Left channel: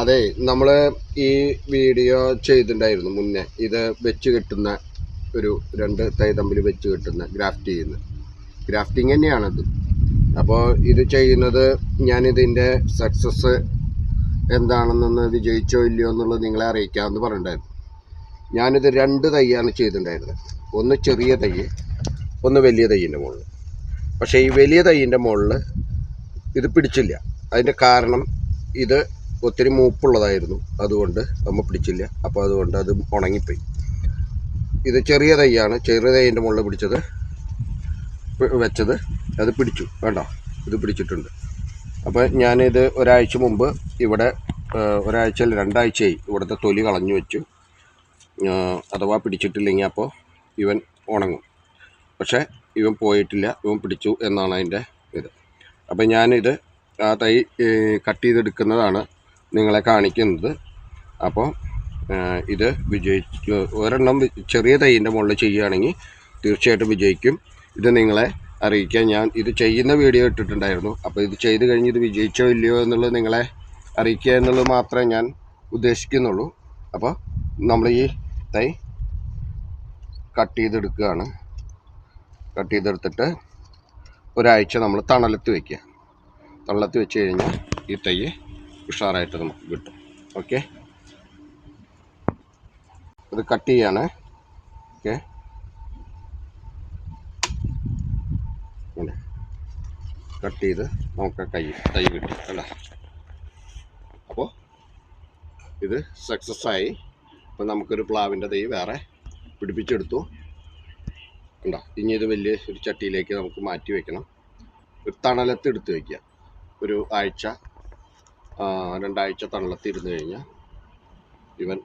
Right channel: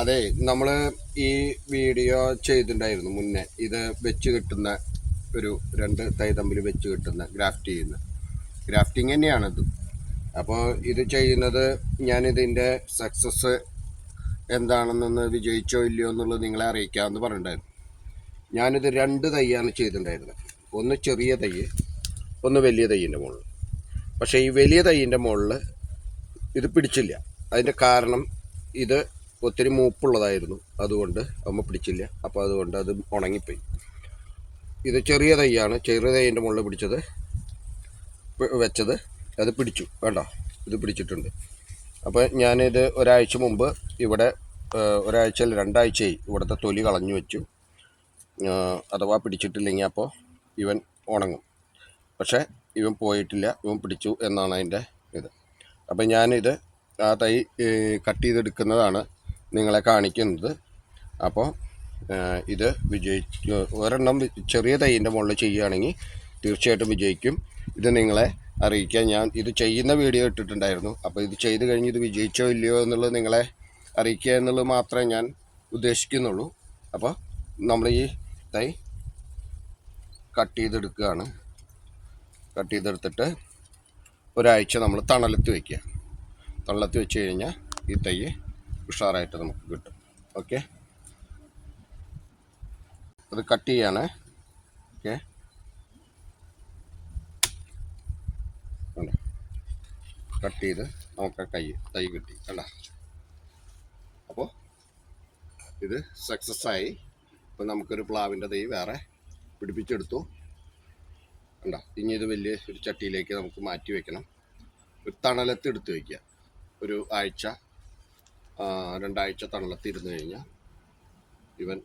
അതെ നമ്മൾ ഈ വീഡിയോ ചെയ്തിട്ടുണ്ടായിരുന്നു മുന്നേ. ഇത് വെച്ച് കിട്ടുന്ന ഒരു രണ്ട് തൈ തമ്മിൽ വെച്ച് കിട്ടുന്ന ഗ്രാഫ്റ്റ് ചെയ്യുന്ന. ഗ്രാഫ്റ്റിംഗ് തന്നെയാണത്. അപ്പോൾ ഇത് ചെയ്യുന്നത് ഞാനിതിന്റെ സക്സസ് എന്താണെന്നൊന്ന് വിജയിച്ചോ ഇല്ലയോ എന്നുള്ളത് നിങ്ങളെ അറിയിക്കാമെന്ന് പറഞ്ഞിട്ടുണ്ടായിരുന്നു. ഞാനിത് രണ്ട് തൈയാണ് ചെയ്തിട്ടുണ്ടായിരുന്നത്. ഒന്ന് ചെറിയ തൈ ഒന്ന് വലിയ തൈയിന്റെ മുകളിൽ പക്ഷേ ഈ വലിയ തൈയിന്റെ മുകളിൽ ഇത് പിടിച്ചില്ല. അതിന്റെ കാരണം ഇത് ഒത്തിരി മൂപ്പുള്ളതായിരുന്നു. അതുകൊണ്ട് അമ്മ പിടിച്ചില്ല. അപ്പോൾ അതുകൊണ്ട് അത് ഉണങ്ങിപ്പോയി. ഇത് ചെറിയ തൈയാണ്. ചെറിയ തൈന്റെ മുകളിൽ പിടിച്ചത് വെച്ചത്. അത് പിടിച്ചു. വേണ്ട ഇത് പിടിച്ചിട്ടുണ്ട്. അപ്പോൾ ഞാനിത് ഒരാഴ്ച മുമ്പ് ഇവിടെ ഒരാഴ്ച രണ്ടാഴ്ചയായി ഇവിടുത്തെ തൊലി കളഞ്ഞു വെച്ചു. അഥവാ പിടിച്ചിട്ടില്ലെങ്കിൽ അപ്പോൾ ഇവൻ ഉണങ്ങും. പക്ഷേ ഇവൻ പോയിട്ടില്ല. ഇവൻ പിടിച്ചു എന്നാണ് അതിന്റെ ഇത്. അപ്പോൾ ഞാനിത് ആ തൈ കട്ട് ചെയ്തെടുക്കുന്നതാണ് നിങ്ങളെ കാണിക്കുന്നത്. അപ്പോൾ ഇത് വിജയിച്ച് ഒരെണ്ണം ചെറിയ തൈന്റെ മുകളിൽ ചെയ്യുകയാണെങ്കിൽ തീർച്ചയായിട്ടും വിജയിക്കും. ഇത് നിങ്ങളെ അറിയിക്കാൻ ഞാൻ ഇത് ചെയ്യുന്ന വീഡിയോ ഇട്ടിട്ടുണ്ടായിരുന്നു. അപ്പോൾ ഇത് ചെയ്ത് കഴിഞ്ഞ് ഇത് വിജയിച്ചോ ഇല്ലയോ എന്നുള്ളത് നിങ്ങളെ അറിയിക്കുക എന്നുള്ളത് മാത്രമേ ഞാൻ ഉദ്ദേശിക്കുന്നുള്ളൂ. അപ്പോൾ നമ്മൾ ഈ തൈ കട്ട് ചെയ്തെടുക്കുകയാണ്. കട്ട് ചെയ്തെടുത്തിട്ട് ഒരാഴ്ച നമ്മൾ തണലത്ത് വയ്ക്കുക തണലത്ത് വെച്ച് കഴിഞ്ഞാൽ ഈ തൈ ഉഷാറായിട്ട് നമുക്ക് കിട്ടും. ഓക്കെ അത് കട്ട് ചെയ്യാണ്. ഓക്കെ കട്ട് ചെയ്ത് നമുക്ക് കൈ തൈ കിട്ടി അല്ല? അപ്പോൾ ഇത് സക്സസ് ആയി. അപ്പോൾ നമുക്കൊരു പ്ലാവിന്റെ തൈ വേറെ പിടിപ്പിച്ചെടുത്തു. ഉണ്ടോ ഇനി ഇത് വലിയ ഒരു ചട്ടിയിലേക്ക് നമുക്ക് മാറ്റി വെക്കണം. ഒരു തണലത്ത് എടുത്ത് വയ്ക്കുക ഒരു ആഴ്ച രണ്ടാഴ്ച തള്ളത്തിരുന്നു കഴിഞ്ഞാൽ ഇവൻ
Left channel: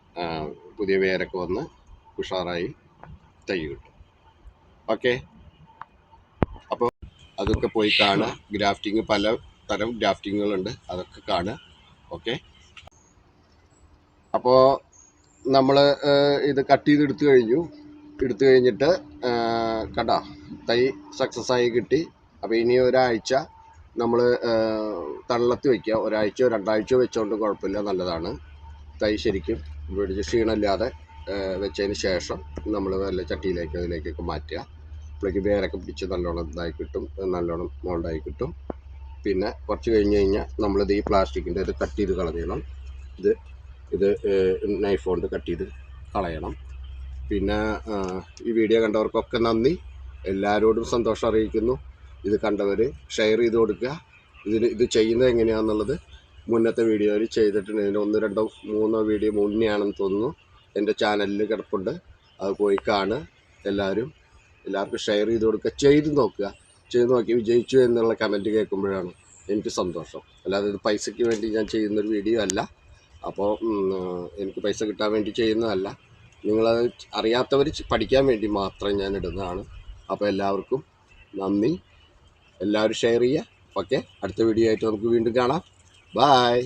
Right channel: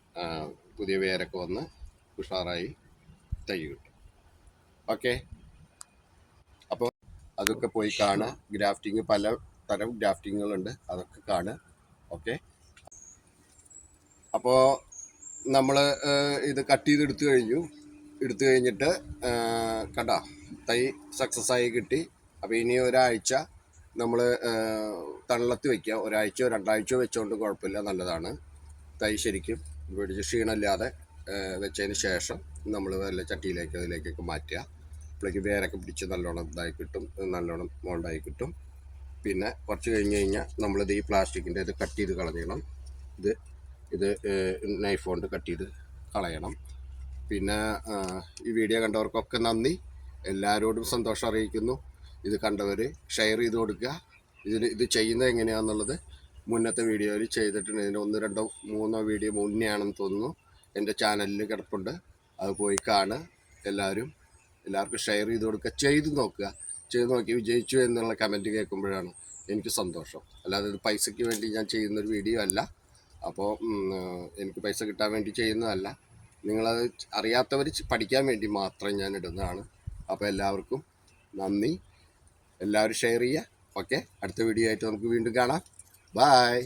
പുതിയ വേരൊക്കെ വന്ന് ഉഷാറായി തൈ കിട്ടും. ഓക്കെ? അപ്പോൾ അതൊക്കെ പോയി കാണുക. ഗ്രാഫ്റ്റിംഗ് പല തരം ഗ്രാഫ്റ്റിങ്ങുകളുണ്ട്. അതൊക്കെ കാണുക. ഓക്കെ? അപ്പോൾ നമ്മൾ ഇത് കട്ട് ചെയ്ത് എടുത്തു കഴിഞ്ഞു. എടുത്തു കഴിഞ്ഞിട്ട് കണ്ട തൈ സക്സസ് ആയി കിട്ടി. അപ്പോൾ ഇനി ഒരാഴ്ച നമ്മൾ തള്ളത്ത് വയ്ക്കുക ഒരാഴ്ചയോ രണ്ടാഴ്ചയോ വെച്ചുകൊണ്ട് കുഴപ്പമില്ല. നല്ലതാണ്. തൈ ശരിക്കും പിടിച്ച് ക്ഷീണമില്ലാതെ വെച്ചതിന് ശേഷം നമ്മൾ നല്ല ചട്ടിയിലേക്ക് അതിലേക്കൊക്കെ മാറ്റുക. അപ്പോഴേക്ക് വേരൊക്കെ പിടിച്ച് നല്ലോണം ഇതായി കിട്ടും. നല്ലോണം മോൾഡായി കിട്ടും. പിന്നെ കുറച്ച് കഴിഞ്ഞ് കഴിഞ്ഞാൽ നമ്മളിത് ഈ പ്ലാസ്റ്റിക്കിന്റെ ഇത് കട്ട് ചെയ്ത് കളയണം ഇത് ഇത് നൈഫ് കൊണ്ട് കട്ട് ചെയ്ത് കളയണം. പിന്നെ ഈ വീഡിയോ കണ്ടവർക്കൊക്കെ നന്ദി. എല്ലാവരോടും സന്തോഷം അറിയിക്കുന്നു. ഇത് കണ്ടവർ ഷെയർ ചെയ്ത് കൊടുക്കുക. ഇതിന് ഇത് ചെയ്യുന്നത് എങ്ങനെയാണെന്നുള്ളത് മുന്നത്തെ വീഡിയോയിൽ ചെയ്തിട്ടുണ്ട്. ഇതിന്റെ ഒന്ന് രണ്ടോ മൂന്നോ വീഡിയോ മുന്നെയാണെന്ന് തോന്നുന്നു. എന്റെ ചാനലിൽ കിടപ്പുണ്ട്. അത് പോയി കാണുക. എല്ലാവരും എല്ലാവർക്കും ഷെയർ ചെയ്ത് കൊടുക്കുക. ചെയ്ത് നോക്കുക. ചെയ്ത് നോക്കി വിജയിച്ചു എന്നുള്ള കമന്റ് കേൾക്കുമ്പോഴാണ് എനിക്ക് സന്തോഷം. അല്ലാതെ ഇത് പൈസയ്ക്ക് വേണ്ടി ഞാൻ ചെയ്യുന്നൊരു വീഡിയോ അല്ല. അപ്പോൾ എനിക്ക് പൈസ കിട്ടാൻ വേണ്ടി ചെയ്യുന്നതല്ല. നിങ്ങളത് അറിയാത്തവർ പഠിക്കാൻ വേണ്ടി മാത്രം ഞാൻ ഇടുന്നതാണ്. അപ്പോൾ എല്ലാവർക്കും നന്ദി. എല്ലാവരും ഷെയർ ചെയ്യുക. ഓക്കെ അടുത്ത വീഡിയോ ആയിട്ട് നമുക്ക് വീണ്ടും കാണാം. ബായ്